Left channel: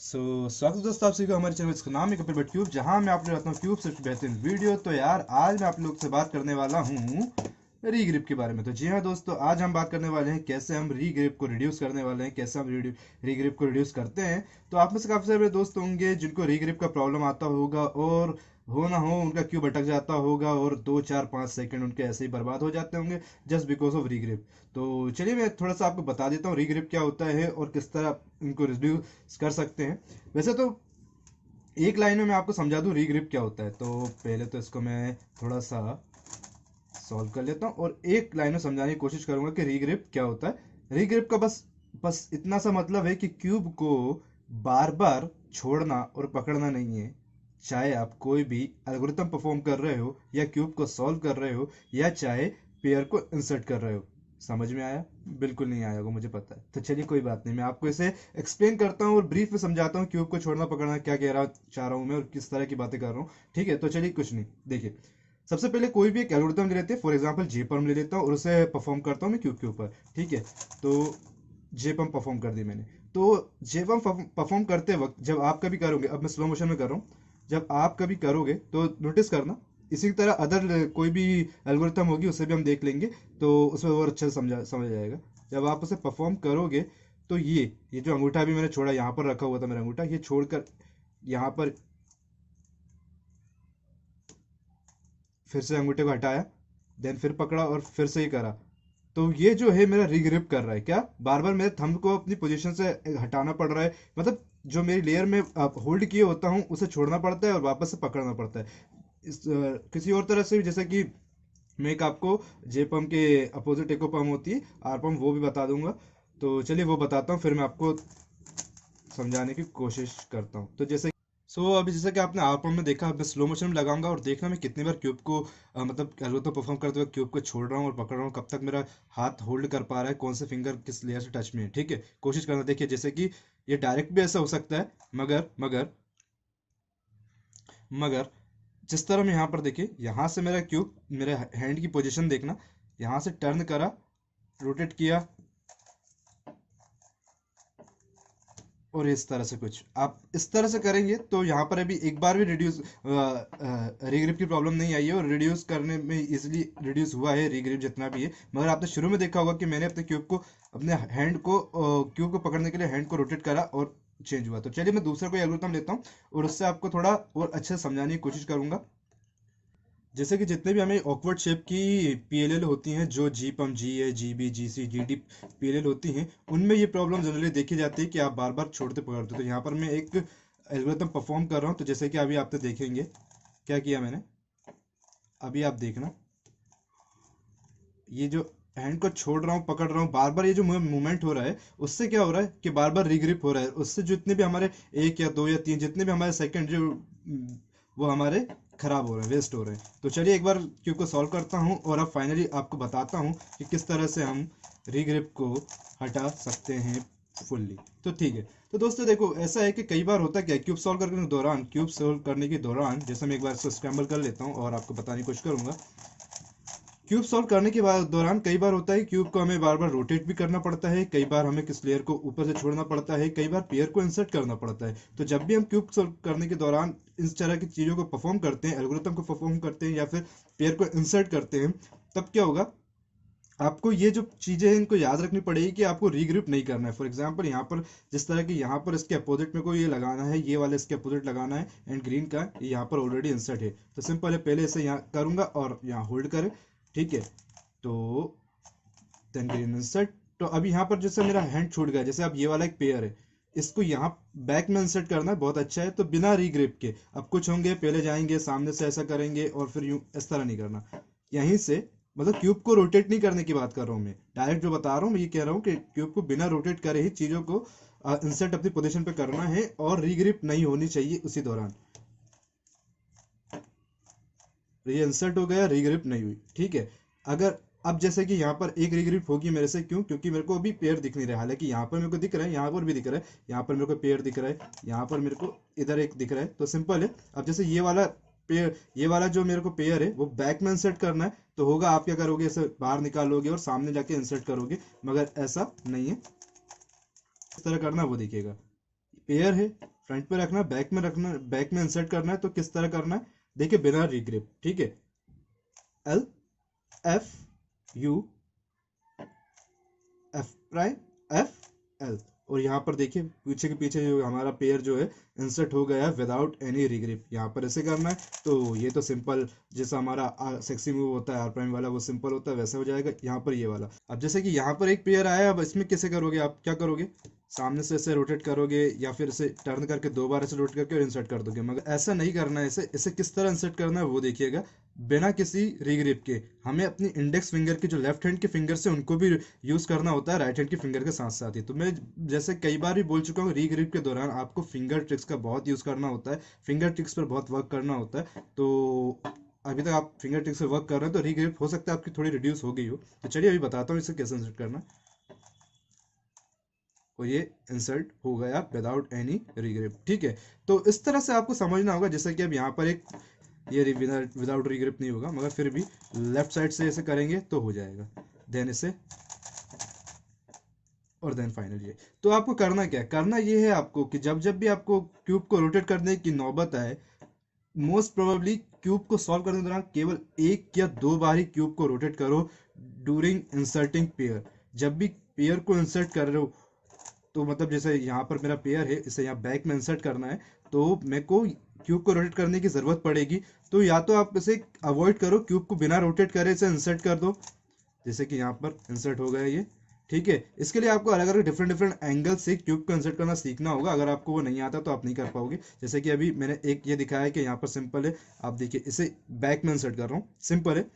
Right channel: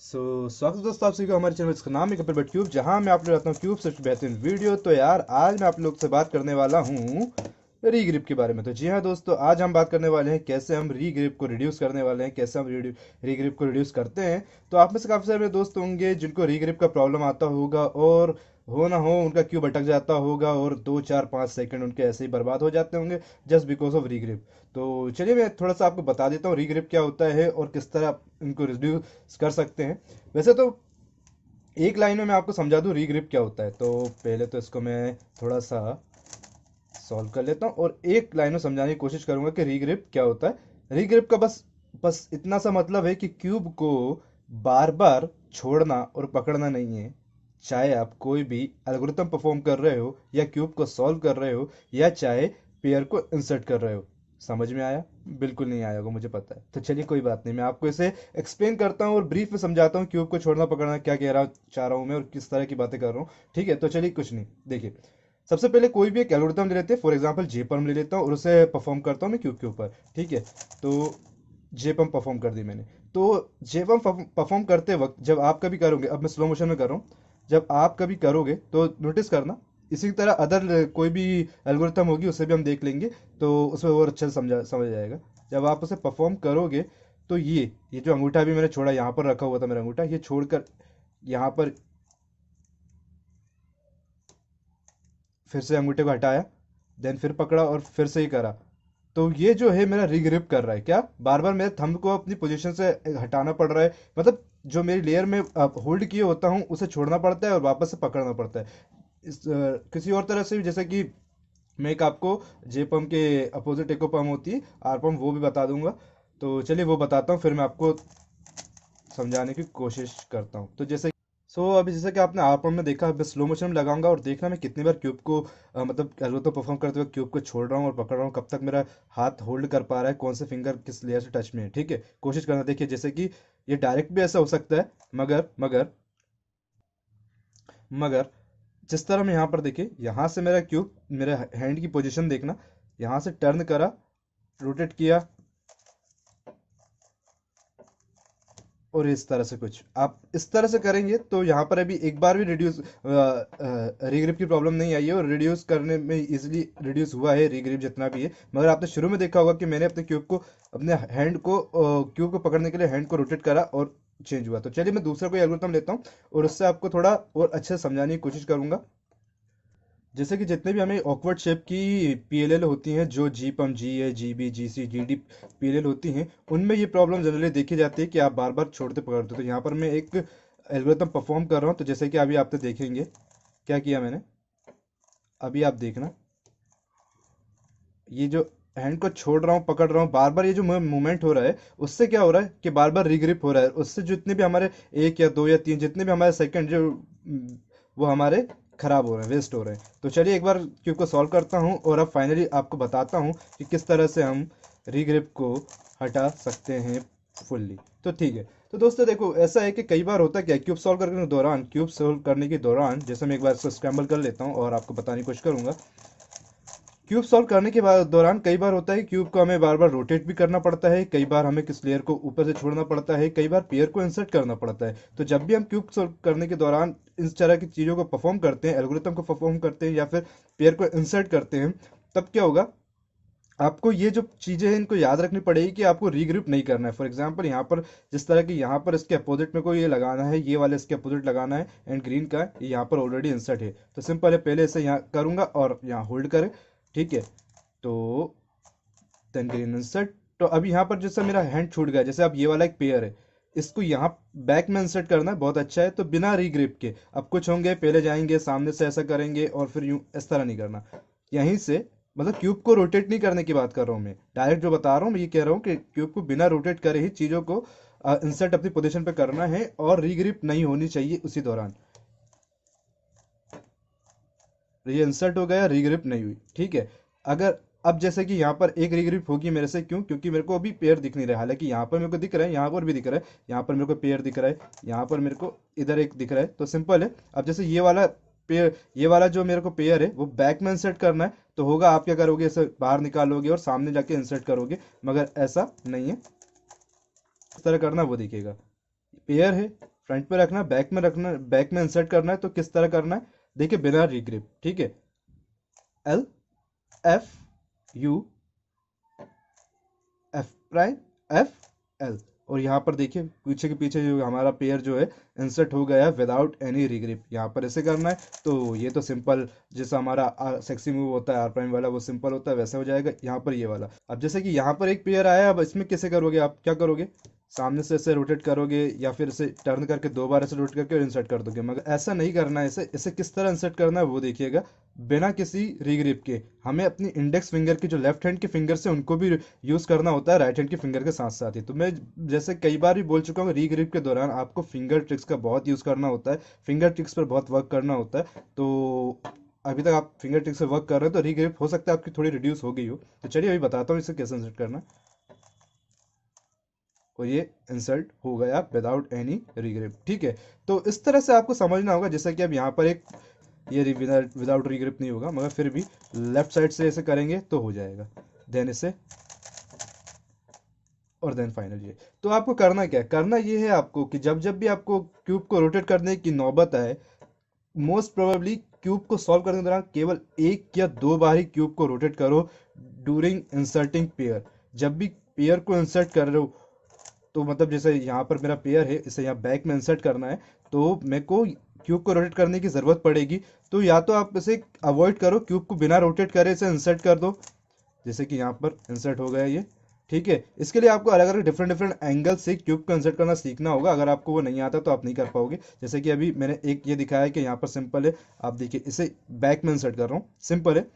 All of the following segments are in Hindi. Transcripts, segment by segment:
स्वागत है दोस्तों आप सभी का हमारे चैनल इसका नाम है कपिल भट्ट क्यूब, जहां मैं आप लोग रहता हूँ क्यूब सबसे बेहतरीन वीडियो। तो यार आज मैं आप लोग से बात करने वाला हूँ रीग्रिप के बारे में। तो जी हाँ दोस्तों, आज हम बात करने वाले हैं कैसे हम रीग्रिप को रिड्यूस करने वाले हैं, कैसे हम रीग्रिप को रिड्यूस करते हैं। तो आप में से काफ़ी सारे दोस्त होंगे जिनको रीग्रिप का प्रॉब्लम आता होगा, और हो ना हो उनका क्यूब अटक जाता होगा और 2 4 5 सेकंड उनके ऐसे ही बर्बाद हो जाते होंगे जस्ट बिकॉज ऑफ रीग्रिप। तो चलिए मैं थोड़ा सा आपको बता देता हूँ रीग्रिप क्या होता है और किस तरह आप इनको रिड्यूस कर सकते हैं। वैसे तो एक लाइन में मैं आपको समझा दूं रीग्रिप क्या होता है, तो पहले तो इसको मैं थोड़ा सा सॉल्व कर लेता हूँ और एक लाइन में समझाने की कोशिश करूंगा कि रीग्रिप क्या होता है। रीग्रिप का बस बस इतना सा मतलब है कि क्यूब को बार बार छोड़ना और पकड़ना नहीं है। चाहे आप कोई भी एल्गोरिथम परफॉर्म कर रहे हो या क्यूब को सॉल्व कर रहे हो या चाहे पेयर को इंसर्ट कर रहे हो। समझ में आया? बिल्कुल नहीं आया होगा, मुझे पता है। तो चलिए कोई बात नहीं, मैं आपको इसे एक्सप्लेन करता हूँ और ब्रीफ में समझाता हूँ क्यूब को छोड़ना पकड़ना क्या कह रहा चाह रहा हूँ मैं और किस तरह की बातें कर रहा हूँ। ठीक है, तो चलिए कुछ नहीं, देखिए सबसे पहले कोई भी एक एल्गोरिथम ले लेते हैं। फॉर एग्जांपल जेपम ले लेता हूँ और उसे परफॉर्म करता हूँ मैं क्यूब के ऊपर। ठीक है, तो जेपम परफॉर्म कर दी मैंने। तो जेपम परफॉर्म करते वक्त जब आप कभी करोगे, अब मैं स्लो मोशन में कर रहा हूँ, जब आप कभी करोगे तो नोटिस करना इसी तरह अदर कोई भी एल्गोरिथम होगी उसे भी हम देख लेंगे, तो उसमें और अच्छे से समझ जाएगा। जब आप उसे परफॉर्म करोगे तो ये जो अंगूठा भी मैंने छोड़ा, यहाँ पर रखा हुआ था मेरा अंगूठा, ये छोड़कर यहाँ पर फिर से अंगूठे को हटाया, देन फिर पकड़ा और फिर से ही करा। तो ये जो है मेरा रिग्रिप कर रहा है, क्या बार बार मेरे थंब को अपनी पोजीशन से हटाना पड़ रहा है। मतलब जो मेरी लेयर में होल्ड किए होता हूँ उसे छोड़ना पड़ता है और वापस से पकड़ना पड़ता है। किसी और तरह से भी, जैसे कि मैं एक आपको जे पम्प के अपोजिट एको पम्प होती है आर पम्प, वो भी बता दूंगा। तो चलिए वो बताता हूँ, फिर मैं आपको समझाने की कोशिश करता हूँ। तो जैसे अभी जैसे कि आपने आर पम्प में देखा, मैं स्लो मोशन में लगाऊंगा और देखना मैं कितनी बार क्यूब को मतलब एल्गोरिथम परफॉर्म करते हुए क्यूब को छोड़ रहा हूँ और पकड़ रहा हूँ, कब तक मेरा हाथ होल्ड कर पा रहा है, कौन से फिंगर किस लेयर से टच में है। ठीक है, कोशिश करना। देखिए जैसे कि ये डायरेक्ट भी ऐसा हो सकता है, मगर मगर मगर जिस तरह मैं यहाँ पर देखिए, यहाँ से मेरा क्यूब, मेरे हैंड की पोजीशन देखना, यहाँ से टर्न करा, रोटेट किया और इस तरह से कुछ आप इस तरह से करेंगे तो यहाँ पर अभी एक बार भी रिड्यूस रीग्रिप की प्रॉब्लम नहीं आई है और रिड्यूस करने में इजीली रिड्यूस हुआ है रीग्रिप जितना भी है। मगर आपने शुरू में देखा होगा कि मैंने अपने क्यूब को, अपने हैंड को, क्यूब को पकड़ने के लिए हैंड को रोटेट करा और चेंज हुआ। तो चलिए मैं दूसरा कोई एल्गोरिथम लेता हूँ और उससे आपको थोड़ा और अच्छे से समझाने की कोशिश करूंगा। जैसे कि जितने भी हमें ऑकवर्ड शेप की पीएलएल होती हैं, जो जी पम, जी ए, जी बी, जी सी, जी डी पीएलएल होती हैं, उनमें ये प्रॉब्लम जनरली देखी जाती है कि आप बार बार छोड़ते पकड़ते। तो यहाँ पर मैं एक एल्गोरिथम परफॉर्म कर रहा हूँ, तो जैसे कि अभी आप तो देखेंगे क्या किया मैंने। अभी आप देखना, ये जो हैंड को छोड़ रहा हूँ पकड़ रहा हूँ, बार बार ये जो मूवमेंट हो रहा है, उससे क्या हो रहा है कि बार बार रिग्रिप हो रहा है। उससे जितने भी हमारे 1 या 2 या 3 जितने भी हमारे सेकंड जो वो हमारे खराब हो रहे हैं, वेस्ट हो रहे हैं। तो चलिए एक बार क्यूब को सॉल्व करता हूँ और अब फाइनली आपको बताता हूँ कि किस तरह से हम रिग्रिप को हटा सकते हैं फुल्ली। तो ठीक है, तो दोस्तों देखो ऐसा है कि कई बार होता है क्या, क्यूब सॉल्व करने के दौरान जैसे मैं एक बार इसको स्क्रैम्बल कर लेता हूँ और आपको बताने की कोशिश करूंगा। क्यूब सॉल्व करने के बाद दौरान कई बार होता है क्यूब को हमें बार बार रोटेट भी करना पड़ता है, कई बार हमें किस लेयर को ऊपर से छोड़ना पड़ता है, कई बार पेयर को इंसर्ट करना पड़ता है। तो जब भी हम क्यूब सॉल्व करने के दौरान इस तरह की चीज़ों को परफॉर्म करते हैं, एल्गोरिथम को परफॉर्म करते हैं या फिर पेयर को इंसर्ट करते हैं, तब क्या होगा, आपको ये जो चीज़ें हैं इनको याद रखनी पड़ेगी कि आपको रीग्रुप नहीं करना है। फॉर एग्जांपल यहाँ पर जिस तरह की यहाँ पर इसके अपोजिट में कोई ये लगाना है, ये वाले इसके अपोजिट लगाना है एंड ग्रीन का ये यहाँ पर ऑलरेडी इंसर्ट है, तो सिंपल है, पहले इसे यहाँ करूँगा और यहाँ होल्ड करें। ठीक है, तो देन ग्रीन इंसर्ट। तो अभी यहाँ पर जैसे मेरा हैंड छूट गया, जैसे अब ये वाला एक पेयर है, इसको यहाँ बैक में इंसर्ट करना है, बहुत अच्छा है। तो बिना रीग्रिप के अब कुछ होंगे, पहले जाएंगे सामने से ऐसा करेंगे और फिर यूं इस तरह नहीं करना, यहीं से, मतलब क्यूब को रोटेट नहीं करने की बात कर रहा हूँ मैं, डायरेक्ट जो बता रहा हूँ मैं ये कह रहा हूँ कि क्यूब को बिना रोटेट करे ही चीज़ों को इंसर्ट अपनी पोजीशन पे करना है और रीग्रिप नहीं होनी चाहिए उसी दौरान। तो ये इंसर्ट हो गया, रीग्रिप नहीं हुई। ठीक है, अगर अब जैसे कि यहाँ पर एक रीग्रिप होगी मेरे से, क्यों, क्योंकि मेरे को अभी पेयर दिख नहीं रहा है, हालांकि यहाँ पर मेरे को दिख रहा है, यहाँ पर भी दिख रहा है, यहाँ पर मेरे को पेयर दिख रहा है, यहाँ पर मेरे को इधर एक दिख रहा है। तो सिंपल है, अब जैसे ये वाला पेयर, ये वाला जो मेरे को पेयर है वो बैक में इंसर्ट करना है, तो होगा आप क्या करोगे, इसे बाहर निकालोगे और सामने जाके इंसर्ट करोगे, मगर ऐसा नहीं है, इस तरह करना वो दिखेगा। पेयर है, फ्रंट पे रखना है, बैक में रखना, बैक में इंसर्ट करना है, तो किस तरह करना है देखिए, बिना रीग्रिप, ठीक है, L F U F prime F L, और यहाँ पर देखिए पीछे के पीछे जो हमारा पेयर जो है इंसर्ट हो गया विदाउट एनी रिग्रिप। यहाँ पर ऐसे करना है, तो ये तो सिंपल जैसा हमारा सेक्सी मूव होता है आर प्राइम वाला, वो सिंपल होता है, वैसा हो जाएगा यहाँ पर ये वाला। अब जैसे कि यहाँ पर एक पेयर आया, अब इसमें कैसे करोगे आप, क्या करोगे, सामने से इसे रोटेट करोगे या फिर इसे टर्न करके 2 बार ऐसे रोटेट करके और इंसर्ट कर दोगे, मगर ऐसा नहीं करना है। इसे किस तरह इंसर्ट करना है वो देखिएगा, बिना किसी रीग्रिप के। हमें अपनी इंडेक्स फिंगर की जो लेफ्ट हैंड के फिंगर से उनको भी यूज करना होता है राइट हैंड की फिंगर के साथ साथ ही। तो मैं जैसे कई बार भी बोल चुका हूँ, रीग्रिप के दौरान आपको फिंगर ट्रिक्स का बहुत यूज करना होता है, फिंगर ट्रिक्स पर बहुत वर्क करना होता है। तो अभी तक आप फिंगर ट्रिक्स से वर्क कर रहे हो तो रीग्रिप हो सकता है आपकी थोड़ी रिड्यूस हो गई हो। तो चलिए अभी बताता हूँ इसे कैसे इंसर्ट करना, और ये इंसर्ट हो गया विदाउट एनी रीग्रिप, ठीक है। तो इस तरह से आपको समझना होगा, जैसे कि अब यहाँ पर एक ये विदाउट रीग्रिप नहीं होगा, मगर फिर भी लेफ्ट साइड से ऐसे करेंगे तो हो जाएगा, देन इसे, और देन फाइनल ये। तो आपको करना क्या है, करना ये है आपको कि जब जब भी आपको क्यूब को रोटेट करने की नौबत आए, मोस्ट प्रोबेबली क्यूब को सॉल्व करने के दौरान केवल 1 या 2 बार ही क्यूब को रोटेट करो ड्यूरिंग इंसर्टिंग पेयर। जब भी पेयर को इंसर्ट कर रहे हो, तो मतलब जैसे यहाँ पर मेरा पेयर है, इसे यहाँ बैक में इंसर्ट करना है, तो मेरे को क्यूब को रोटेट करने की ज़रूरत पड़ेगी। तो या तो आप इसे अवॉइड करो, क्यूब को बिना रोटेट करे इसे इंसर्ट कर दो, जैसे कि यहाँ पर इंसर्ट हो गया ये, ठीक है। इसके लिए आपको अलग अलग डिफरेंट डिफरेंट एंगल से क्यूब को इंसर्ट करना सीखना होगा, अगर आपको वो नहीं आता तो आप नहीं कर पाओगे। जैसे कि अभी मैंने एक ये दिखाया है कि यहाँ पर सिंपल है, आप देखिए इसे बैक में इंसर्ट कर रहा हूँ, सिंपल है,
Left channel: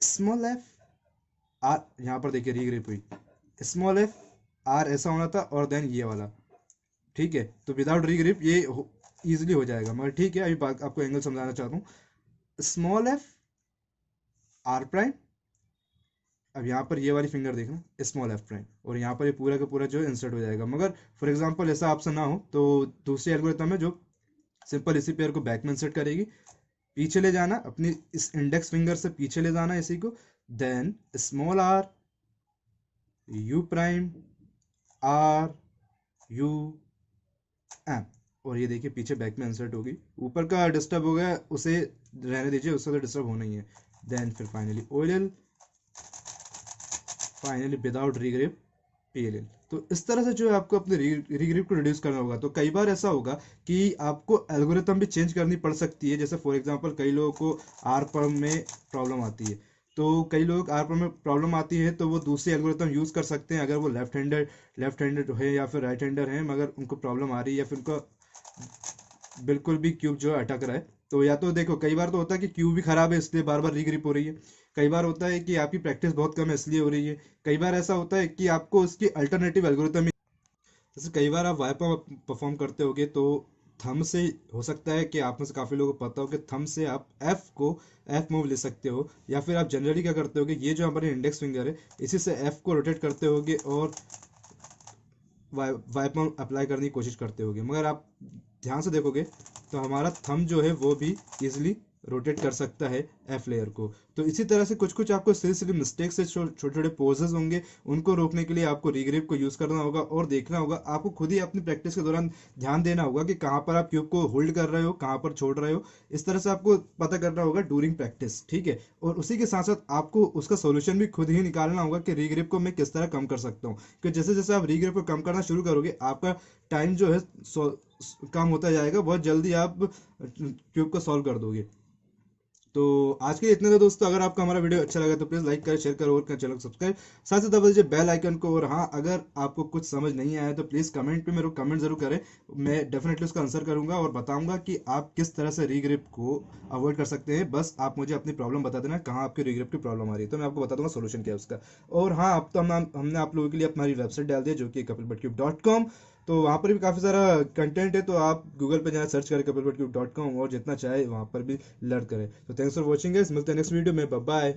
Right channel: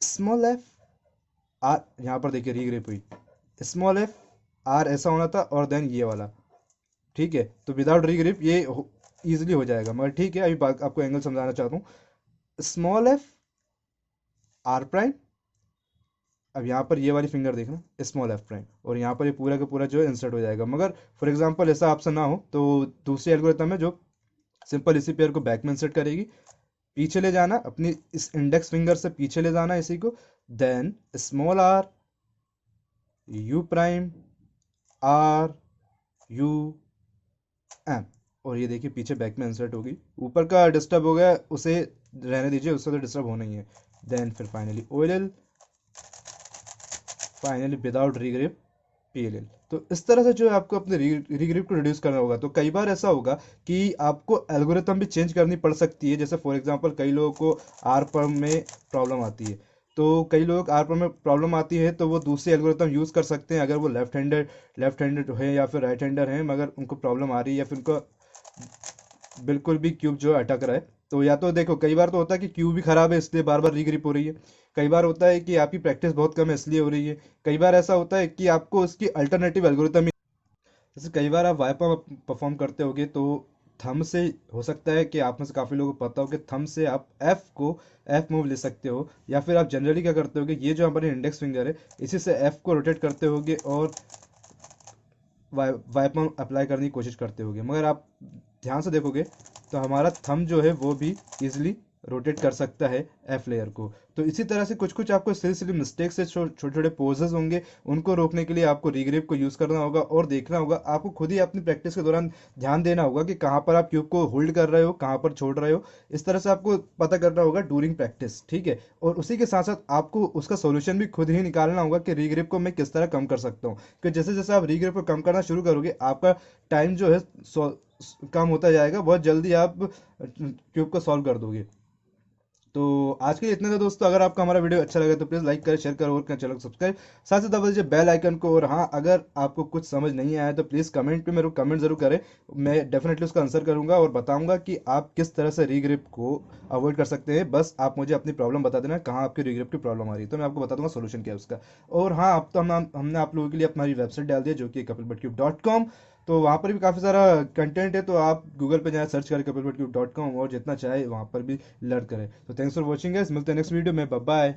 स्मॉल एफ आर, यहाँ पर देखिए रीग्रिप हुई, स्मॉल एफ आर ऐसा होना था, और देन ये वाला, ठीक है। तो विदाउट रीग्रिप ये इजीली हो जाएगा, मगर ठीक है अभी आपको एंगल समझाना चाहता हूँ, स्मॉल एफ आर प्राइम, अब यहाँ पर ये वाली फिंगर देखना स्मॉल एफ प्राइम, और यहाँ पर ये पूरा का पूरा जो है इंसर्ट हो जाएगा। मगर फॉर एग्जांपल ऐसा आपसे ना हो तो दूसरी एल्गोरिथम है जो सिंपल इसी पेयर को बैक में इंसर्ट करेगी, पीछे ले जाना अपनी इस इंडेक्स फिंगर से, पीछे ले जाना इसी को, then small R U prime R U M, और ये देखिए पीछे बैक में इंसर्ट होगी। ऊपर का डिस्टर्ब हो गया, उसे रहने दीजिए, उससे तो डिस्टर्ब होना ही है। देन फिर finally O L L, finally without regrip P L L. तो इस तरह से जो है आपको अपने रीग्रिप को रिड्यूस करना होगा। तो कई बार ऐसा होगा कि आपको एल्गोरिथम भी चेंज करनी पड़ सकती है, जैसे फॉर एग्जांपल कई लोगों को आर पर में प्रॉब्लम आती है, तो कई लोग आर पर में प्रॉब्लम आती है तो वो दूसरी एल्गोरिथम यूज़ कर सकते हैं, अगर वो लेफ्ट हैंडेड है या फिर राइट हैंडर है, मगर उनको प्रॉब्लम आ रही है या फिर उनका बिल्कुल भी क्यूब जो है अटक रहा है। तो या तो देखो कई बार तो होता है कि क्यूब भी खराब है इसलिए बार बार रीग्रिप हो रही है, कई बार होता है कि आपकी प्रैक्टिस बहुत कम है इसलिए हो रही है, कई बार ऐसा होता है कि आपको उसकी अल्टरनेटिव एल्गोरिथम, जैसे कई बार आप वाइपर परफॉर्म करते होगे तो थंब से, हो सकता है कि आप में से काफ़ी लोगों को पता हो कि थंब से आप एफ मूव ले सकते हो, या फिर आप जनरली क्या करते होगे, ये जो हमारी इंडेक्स फिंगर है इसी से एफ को रोटेट करते होगे और वाइपर अप्लाई करने की कोशिश करते होगे, मगर आप ध्यान से देखोगे तो हमारा थंब जो है वो भी इजिली रोटेट कर सकता है एफ लेयर को। तो इसी तरह से कुछ कुछ आपको सिली मिस्टेक से छोटे छोटे पोजेस होंगे, उनको रोकने के लिए आपको रीग्रिप को यूज़ करना होगा, और देखना होगा आपको खुद ही अपनी प्रैक्टिस के दौरान ध्यान देना होगा कि कहाँ पर आप क्यूब को होल्ड कर रहे हो, कहाँ पर छोड़ रहे हो। इस तरह से आपको पता करना होगा ड्यूरिंग प्रैक्टिस, ठीक है। और उसी के साथ साथ आपको उसका सोल्यूशन भी खुद ही निकालना होगा कि रीग्रिप को मैं किस तरह कम कर सकता हूँ, कि जैसे जैसे आप रीग्रिप को कम करना शुरू करोगे आपका टाइम जो है कम होता जाएगा, बहुत जल्दी आप क्यूब को सॉल्व कर दोगे। तो आज के लिए इतने थे दोस्तों, अगर आपको हमारा वीडियो अच्छा लगा तो प्लीज़ लाइक करें, शेयर करें और करें चैनल को सब्सक्राइब, साथ ही दबा दीजिए बेल आइकन को। और हाँ, अगर आपको कुछ समझ नहीं आया तो प्लीज़ कमेंट पे मेरे को कमेंट जरूर करें, मैं डेफिनेटली उसका आंसर करूंगा और बताऊंगा कि आप किस तरह से रीग्रिप को अवॉइड कर सकते हैं। बस आप मुझे अपनी प्रॉब्लम बता देना कहाँ आपकी रीग्रिप की प्रॉब्लम आ रही है, तो मैं आपको बता दूंगा सोल्यूशन क्या है उसका। और हाँ, अब तो हमने आप लोगों के लिए हमारी वेबसाइट डाल दी है जो कि kapilbutcube.com, तो वहाँ पर भी काफ़ी सारा कंटेंट है, तो आप गूगल पे जाए, सर्च करें kapilbutcube.com और जितना चाहे वहाँ पर भी लर्न करें। तो थैंक्स फॉर वॉचिंग गाइस, मिलते हैं नेक्स्ट वीडियो में, बाय बाय।